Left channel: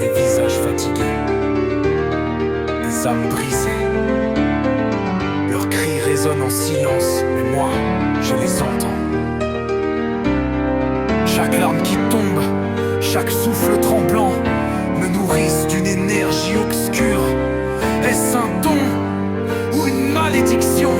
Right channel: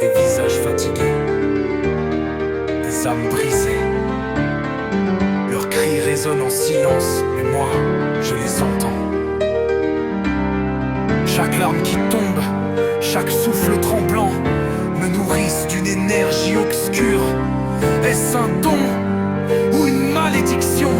des visages fatigués, des âmes brisées. Leurs cris résonnent en silence, mais moi, je les entends. Chaque larme qui tombe, chaque souffle tremblant me nourrissent d'une énergie obscure. Est-ce un don ou une malédiction?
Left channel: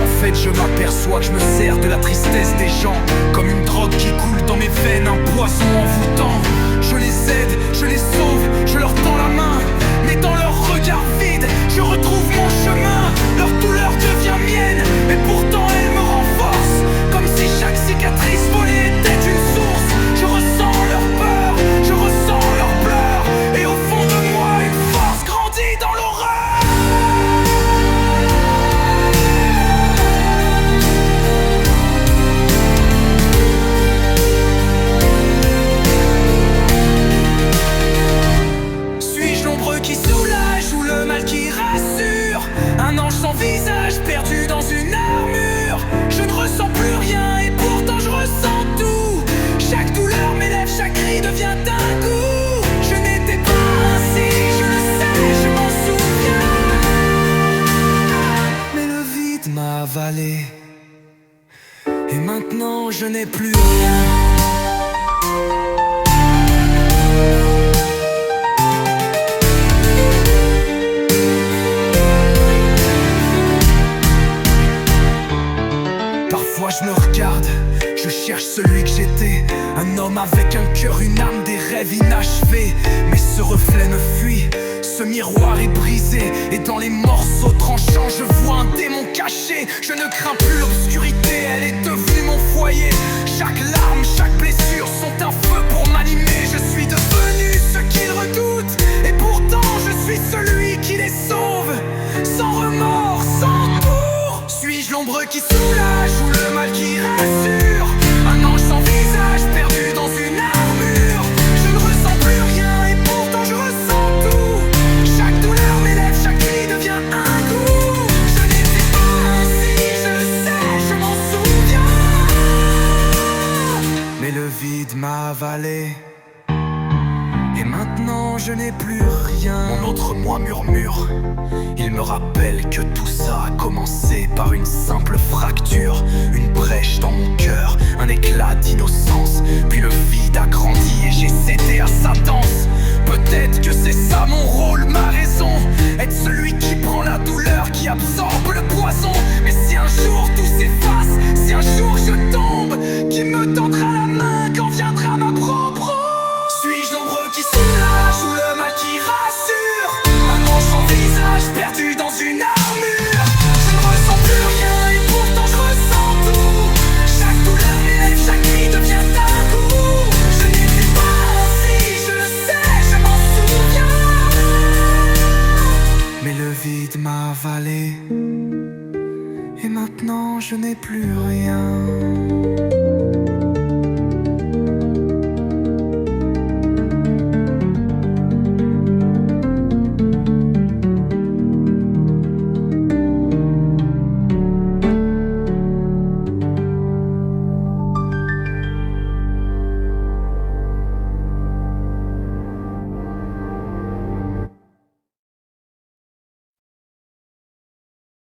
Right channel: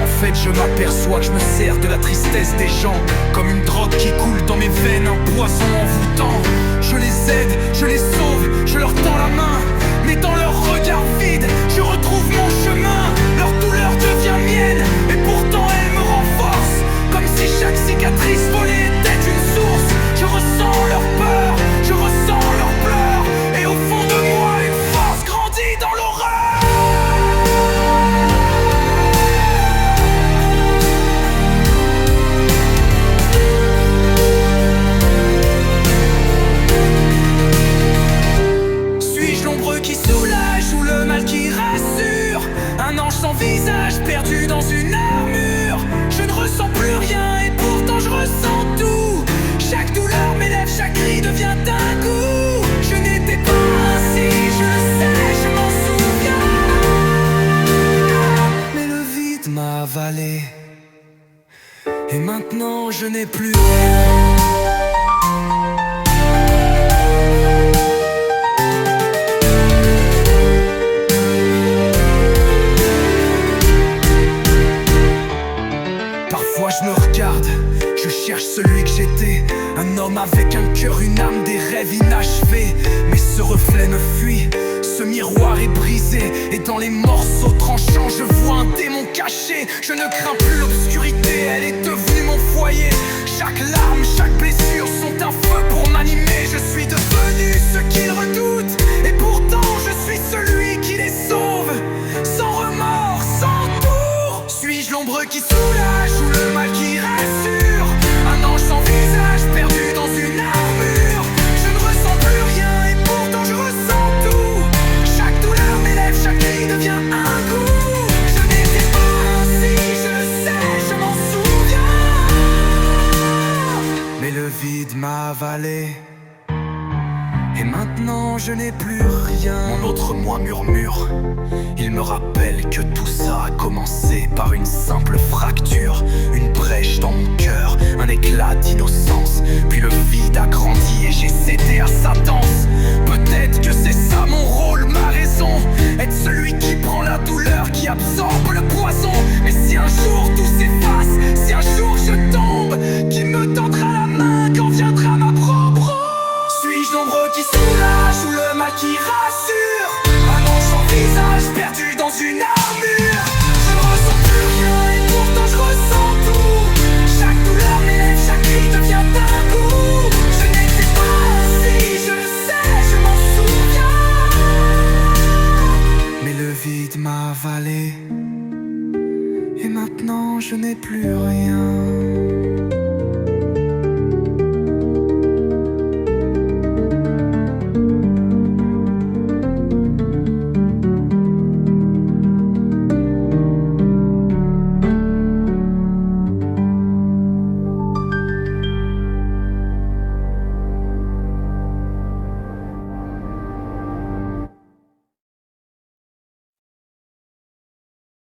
En fait, je m'aperçois que je me sers de la tristesse des gens comme une drogue qui coule dans mes veines, un poison envoûtant. Je les aide, je les sauve, je leur tends la main, mais dans leur regard vide, je retrouve mon chemin. Leur douleur devient mienne, et pourtant elle me renforce, comme si chaque cicatrice volée était une source. Je ressens leur peur, je ressens leurs pleurs, et au fond de moi une force grandit dans l'horreur. Suis-je l'ombre qui soulage ou le mal qui rassure? Un ange sans visage perdu dans une armure. Je ne ressens plus rien et pourtant je ressens tout. Chaque douleur m'élève, chaque cri devient un goût. Je n'étais pas ainsi, je le sais, je m'en souviens. Mais le vide m'a avalé, et maintenant je n'ai plus rien. Parfois je me regarde, je cherche celui que j'étais. Un homme avec un cœur, une âme, des rêves inachevés. Mais ce reflet me fuit, ce miroir est brisé, et dans les morceaux tranchants je vois un démon caché. Je ne crains plus l'obscurité, elle est devenue mon foyer. Chaque larme, chaque blessure sont un feu pour m'animer. Je suis devenu ce qu'ils redoutent, et pourtant je suis celui qui les sauve. Sans remords, sans tour. Suis-je l'ombre qui soulage ou le mal qui rassure? Un ange sans visage perdu dans une armure. Je ne ressens plus rien et pourtant je ressens tout. Chaque douleur m'élève, chaque cri devient un goût. Je n'étais pas ainsi, je le sais, je m'en souviens. Mais le vide m'a avalé, et maintenant je n'ai plus rien. Mon autre moi murmure, il me rappelle que tout ça a commencé par une simple fracture. Une brèche dans mon cœur, un éclat d'innocence. Puis le vide a grandi et j'ai cédé à sa danse. Peut-être que c'est ça mon rôle, ma raison, être celui qui prend la douleur, qui absorbe le poison. Mais si un jour tout s'efface, si un jour je tombe, qui me tendra la main quand viendra ma propre ombre? Suis-je l'ombre qui soulage ou le mal qui rassure? Un ange sans visage perdu dans une armure. Je ne ressens plus rien et pourtant je ressens tout. Chaque douleur m'élève, chaque cri devient un goût. Je n'étais pas ainsi, je le sais, je m'en souviens. Mais le vide m'a avalé, et maintenant je n'ai plus rien.